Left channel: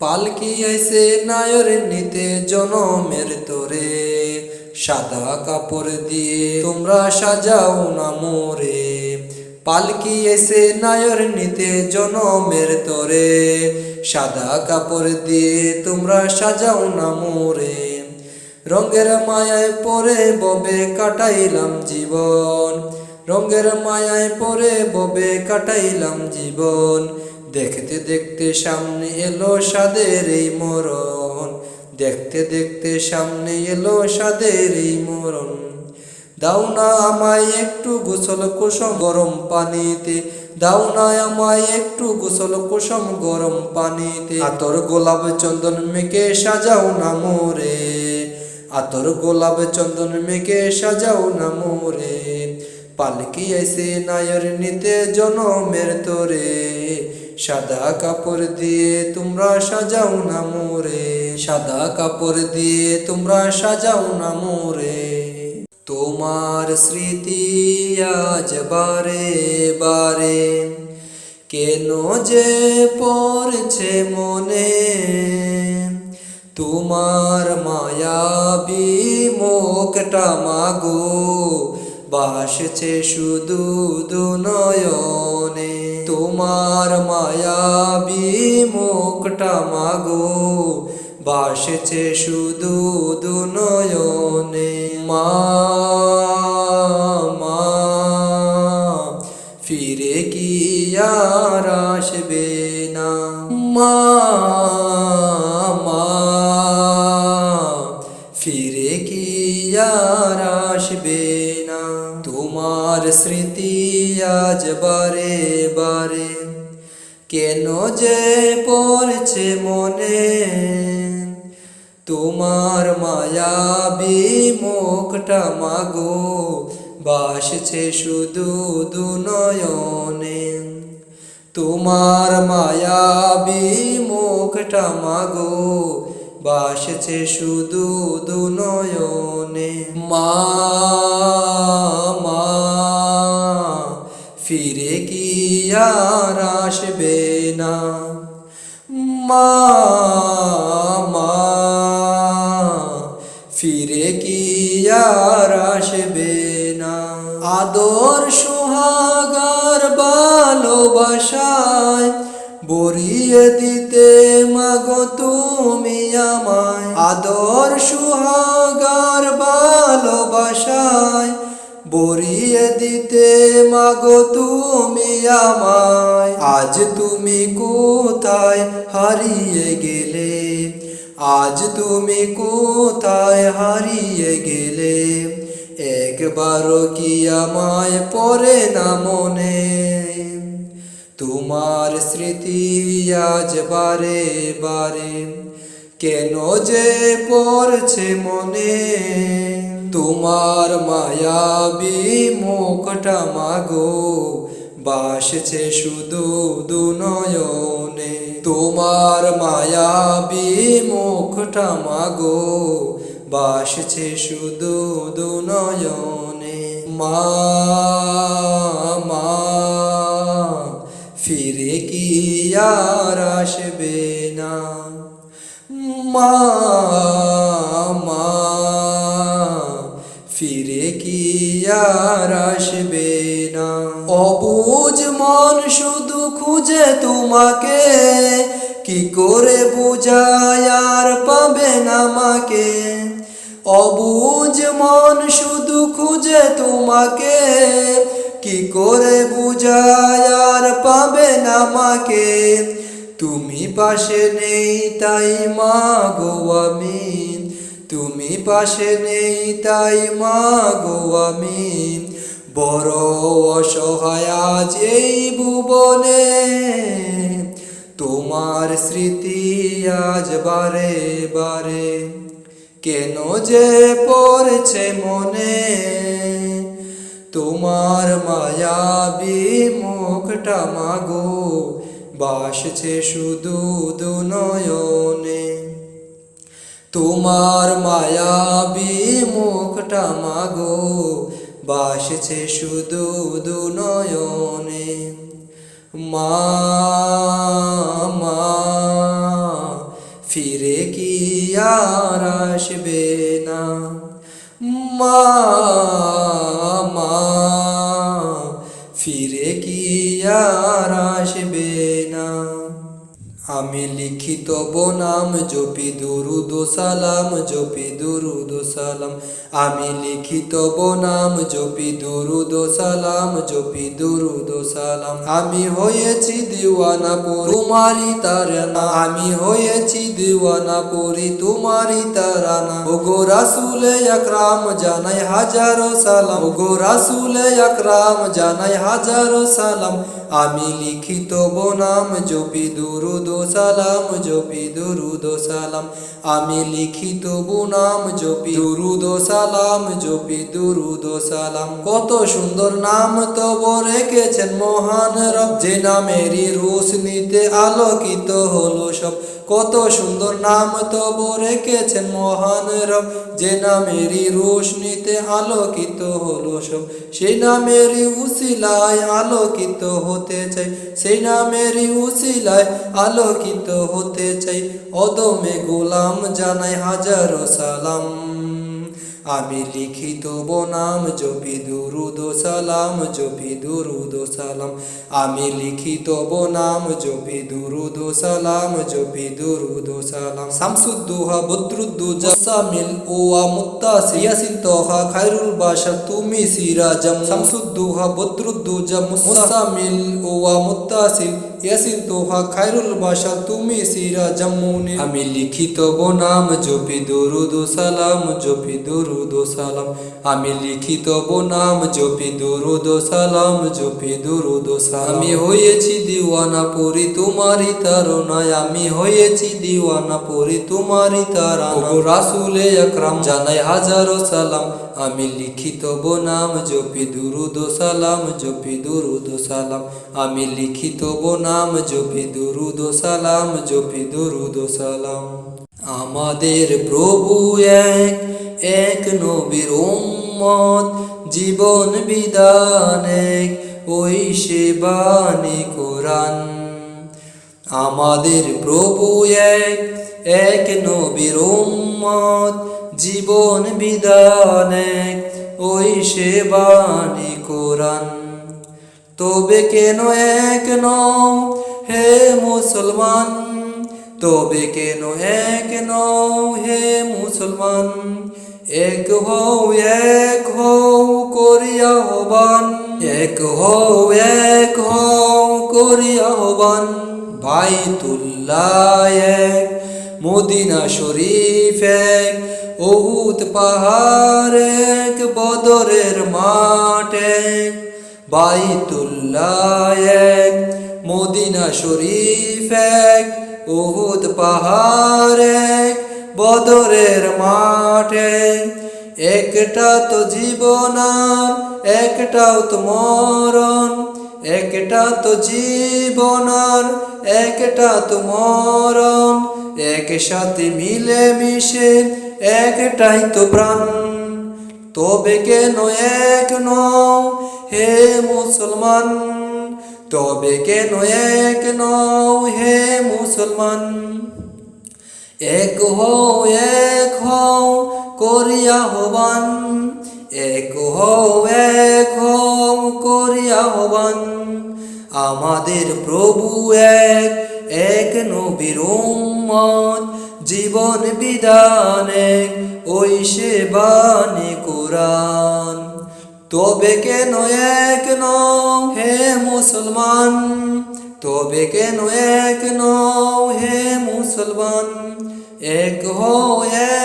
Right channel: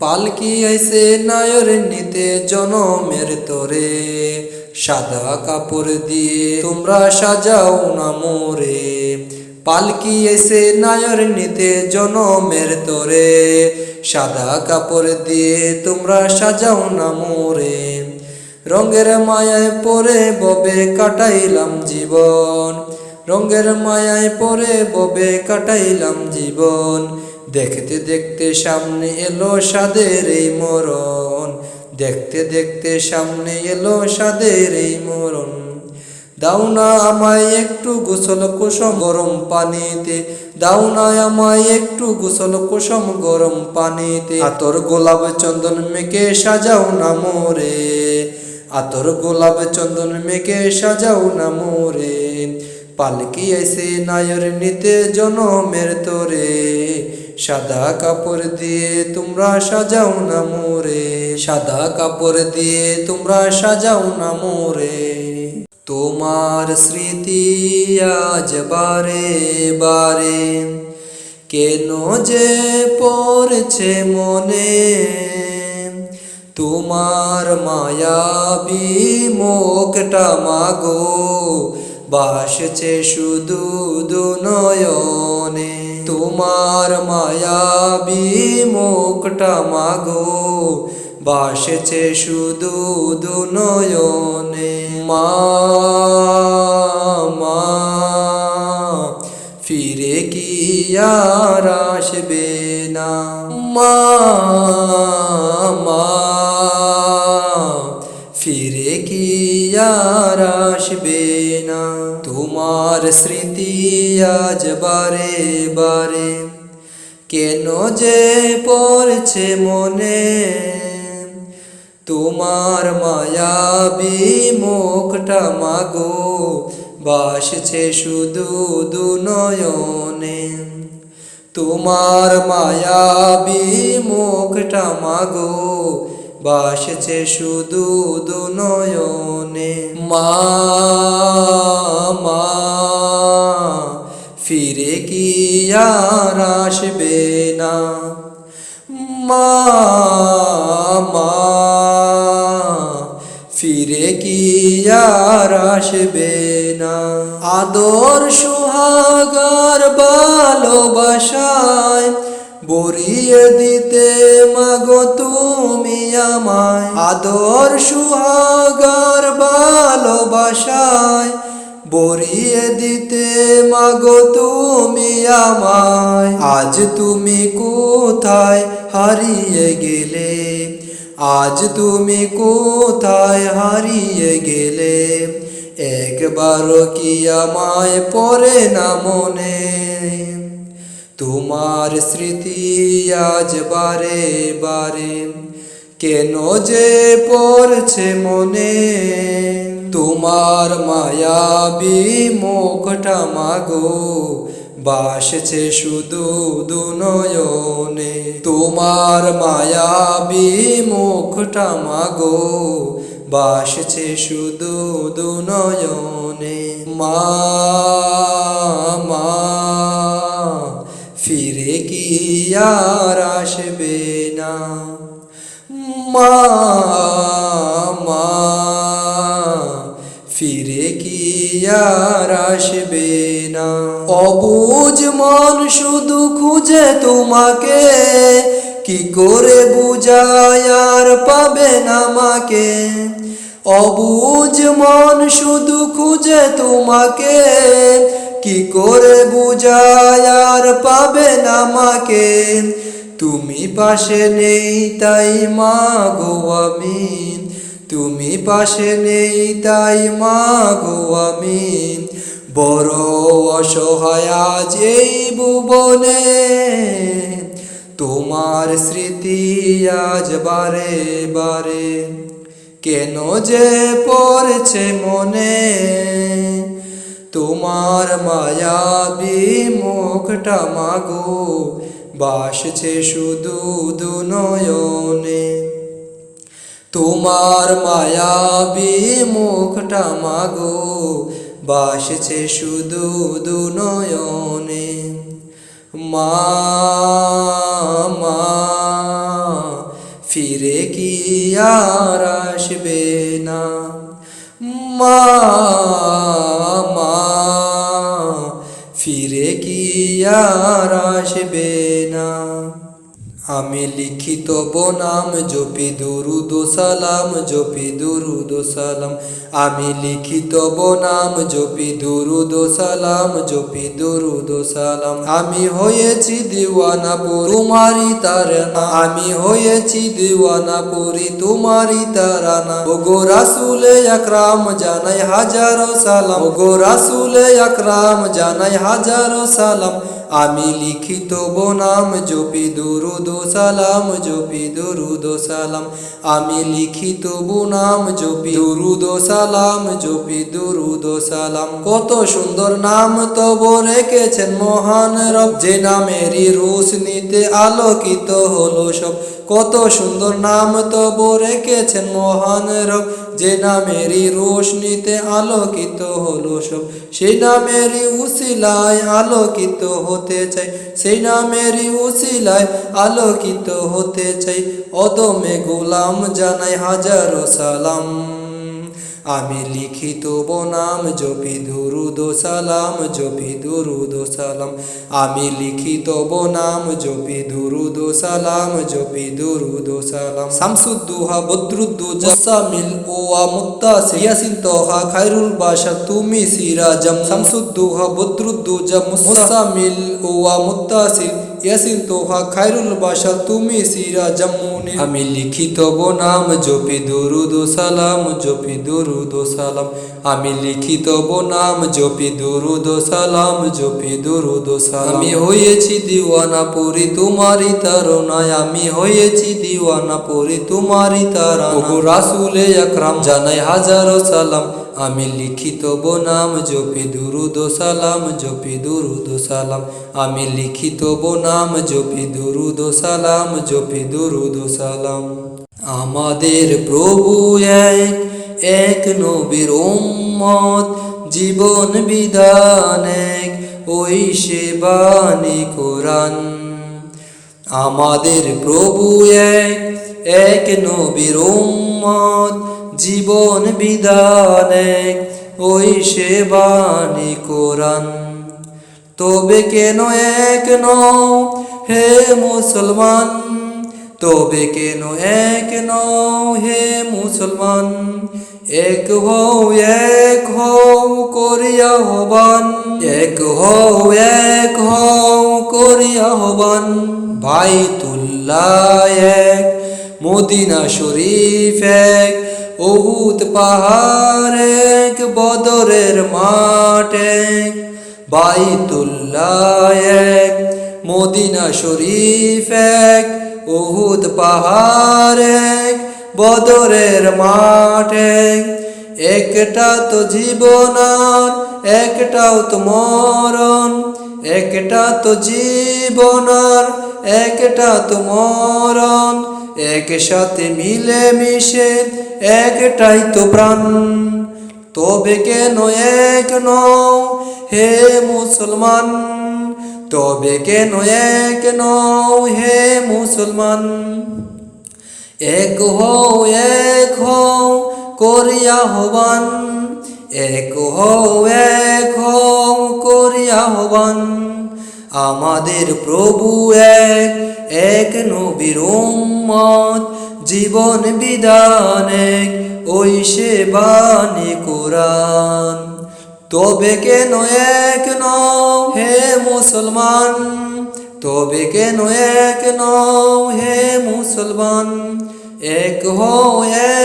পালকি আইছে নায়র নিতে জনমের তোরে, সাদা কাপড় দিয়ে তোমরা সাজাও না মোরে। পালকি আইছে নায়র নিতে জনমের তোরে, সাদা কাপড় দিয়ে তোমরা সাজাও না মোরে। রঙের মায়ায় পরে ববে কাটাইলাম জীবন, রঙের মায়ায় পরে ববে কাটাইলাম জীবন। দেখতে দেখতে সামনে এলো সাদের এই মরণ, দেখতে দেখতে সামনে এলো সাদের এই মরণ। দাও না আমায় একটু গোসল কুসুম গরম পানিতে, দাও না আমায় একটু গোসল কুসুম গরম পানিতে। আতর গোলাপ চন্দন মেখে সাজাও না মোরে, আতর গোলাপ চন্দন মেখে সাজাও না মোরে। পালকি আইছে নায়র নিতে জনমের তোরে, সাদা কাপড় দিয়ে তোমরা সাজাও না মোরে, সাদা কাপড় দিয়ে তোমরা সাজাও না মোরে। তোমার স্মৃতি আজ বারে বারে কেন যে পড়ছে মনে, তোমার মায়াবী মুখটা মাগো ভাসছে শুধু দুনয়নে। তোমার মায়াবী মুখটা মাগো ভাসছে শুধু দুনয়নে। মা মা ফিরে কি আর আসবে না, মা মা ফিরে কি আর আসবে না। তোমার স্মৃতি আজ বারে বারে কেন যে পড়ছে মনে, তোমার মায়াবী মুখটা মাগো ভাসছে শুধু দুনয়নে। তোমার মায়াবী মুখটা মাগো ভাসছে শুধু দুনয়নে। মা মা ফিরে কি আর আসবে না, মা মা ফিরে কি আর আসবে না। আদর সোহাগার ভালোবাসায় বরিয়ে দিতে মাগো তুমি আমায়, আদর সোহাগার ভালোবাসায় বরিয়ে দিতে মাগো তুমি আমায়। আজ তুমি কোথায় হারিয়ে গেলে, আজ তুমি কোথায় হারিয়ে গেলে, একবারও কি আমায় পড়ে না মনে। তোমার স্মৃতি আজ বারে বারে কেন যে পড়ছে মনে, তোমার মায়াবী মুখটা মাগো ভাসছে শুধু দুনয়নে। তোমার মায়াবী মুখটা মাগো ভাসছে শুধু দুনয়নে। মা মা ফিরে কি আর আসবে না, মা মা ফিরে কি আর আসবে না। অবুঝ মন শুধু খুঁজে তোমাকে, কি করে বুঝায় আর পাবে না আমাকে। অবুঝ মন শুধু খুঁজে তোমাকে, কি করে বুঝায় আর পাবে না আমাকে। তুমি পাশে নেই তাই মাগো আমি, তুমি পাশে নেই তাই মাগো আমি বড় অসহায় আজ এই ভুবনে। তোমার স্মৃতি আজ বারে বারে কেন যে পড়ছে মনে, তোমার মায়াবী মুখটা মাগো ভাসছে শুধু দুনয়নে। তোমার মায়াবী মুখটা মাগো ভাসছে শুধু দুনয়নে। মা মা ফিরে কি আর আসবে না। মা মা ফিরে কি আর আসবে না। আমি লিখি তব নাম জপি দুরুদ ও সালাম, জপি দুরুদ ও সালাম। আমি লিখি তব নাম জপি দুরুদ ও সালাম, জপি দুরুদ ও সালাম। আমি হয়েছি দিওয়ানা পড়ি তোমারি তারানা, আমি হয়েছি দিওয়ানা পড়ি তোমারি তারানা। ওগো রাসূলে আকরাম জানাই হাজারো সালাম, ওগো রাসূলে আকরাম জানাই হাজারো সালাম। আমি লিখি তব নাম জপি দুরুদ ও সালাম, জপি দুরুদ ও সালাম। আমি লিখি তবু নাম জপি দুরুদ ও সালাম, জপি দুরুদ ও সালাম। কত সুন্দর নাম তব রেখেছেন মহান রব, যে নামেরই রোশনীতে আলোকিত হলো সব। কত সুন্দর নাম তব রেখেছেন মহান রব, যে নামেরই রোশনীতে আলোকিত হলো সব। সেই নামেরই উসিলায় আলোকিত হতে চাই, সেই নামেরই উসিলায় আলোকিত হতে চাই। অদমে গোলাম জানাই হাজারো সালাম। আমি লিখি তব নাম জপি দুরুদ ও সালাম, জপি দুরুদ ও সালাম। আমি লিখি তব নাম জপি দুরুদ ও সালাম, জপি দুরুদ ও সালাম। শামসুদ্দোহা বদরুদ্দোজা মুসামিল ওয়া মুত্তাসিল ইয়াসিন তোহা খায়রুল বাশার তুমি সিরাজাম। শামসুদ্দোহা বদরুদ্দোজা মুসামিল ওয়া মুত্তাসিল ইয়াসিন তোহা খায়রুল বাশার তুমি সিরাজাম মুনির। আমি লিখি তব নাম জপি দুরুদ ও সালাম, জপি দুরুদ ও সালাম। আমি লিখি তব নাম জপি দুরুদ ও সালাম, জপি দুরুদ ও সালাম। আমি হয়েছি দিওয়ানা পড়ি তোমারি তারানায়, আমি হয়েছি দিওয়ানা পড়ি তোমারি তারানায়। ওগো রাসূলে আকরাম জানাই হাজারো সালাম। আমি লিখি তব নাম জপি দুরুদ ও সালাম, জপি দুরুদ ও সালাম। আমি লিখি তব নাম জপি দুরুদ ও সালাম, জপি দুরুদ ও সালাম। আমাদের প্রভু এক, এক নবীর উম্মত, জীবন বিধান এক, ওই সে বাণী কোরআন। আমাদের প্রভু এক, এক নবীর উম্মত, জীবন বিধান এক, ওই সে বাণী কোরআন। তবে কেন এক নও হে মুসলমান, তবে কেন এক নও হে মুসলমান। এক হও, এক হও করি আহ্বান, এক হও, এক হও করি আহ্বান। বাইতুল্লাহ এক, মদিনা শরীফ এক, উহুদ পাহাড় এক, বদরের মাঠ এক। বাইতুল্লাহ এক, মদিনা শরীফ এক, উহুদ পাহাড় এক, বদরের মাঠ এক। একটা তো জীবন আর একটাও তো মরণ, একটা তো জীবন আর একটা তো মরণ। একসাথে মিলে মিশে একটাই তো প্রাণ। তবে কেন এক নও হে মুসলমান, তবে কেন এক নও হে মুসলমান। এক হও, এক হও করি আহ্বান, এক হও, এক হও করি আহ্বান। আমাদের প্রভু এক, এক নবীর উম্মত, জীবন বিধান এক, ওই সে বাণী কোরআন। তবে কেন এক নও হে মুসলমান, তবে কেন এক নও হে মুসলমান। এক হও,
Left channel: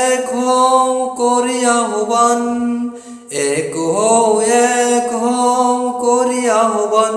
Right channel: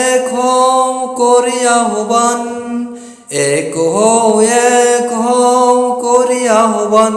এক হও করি আহ্বান, এক হও, এক হও করি আহ্বান।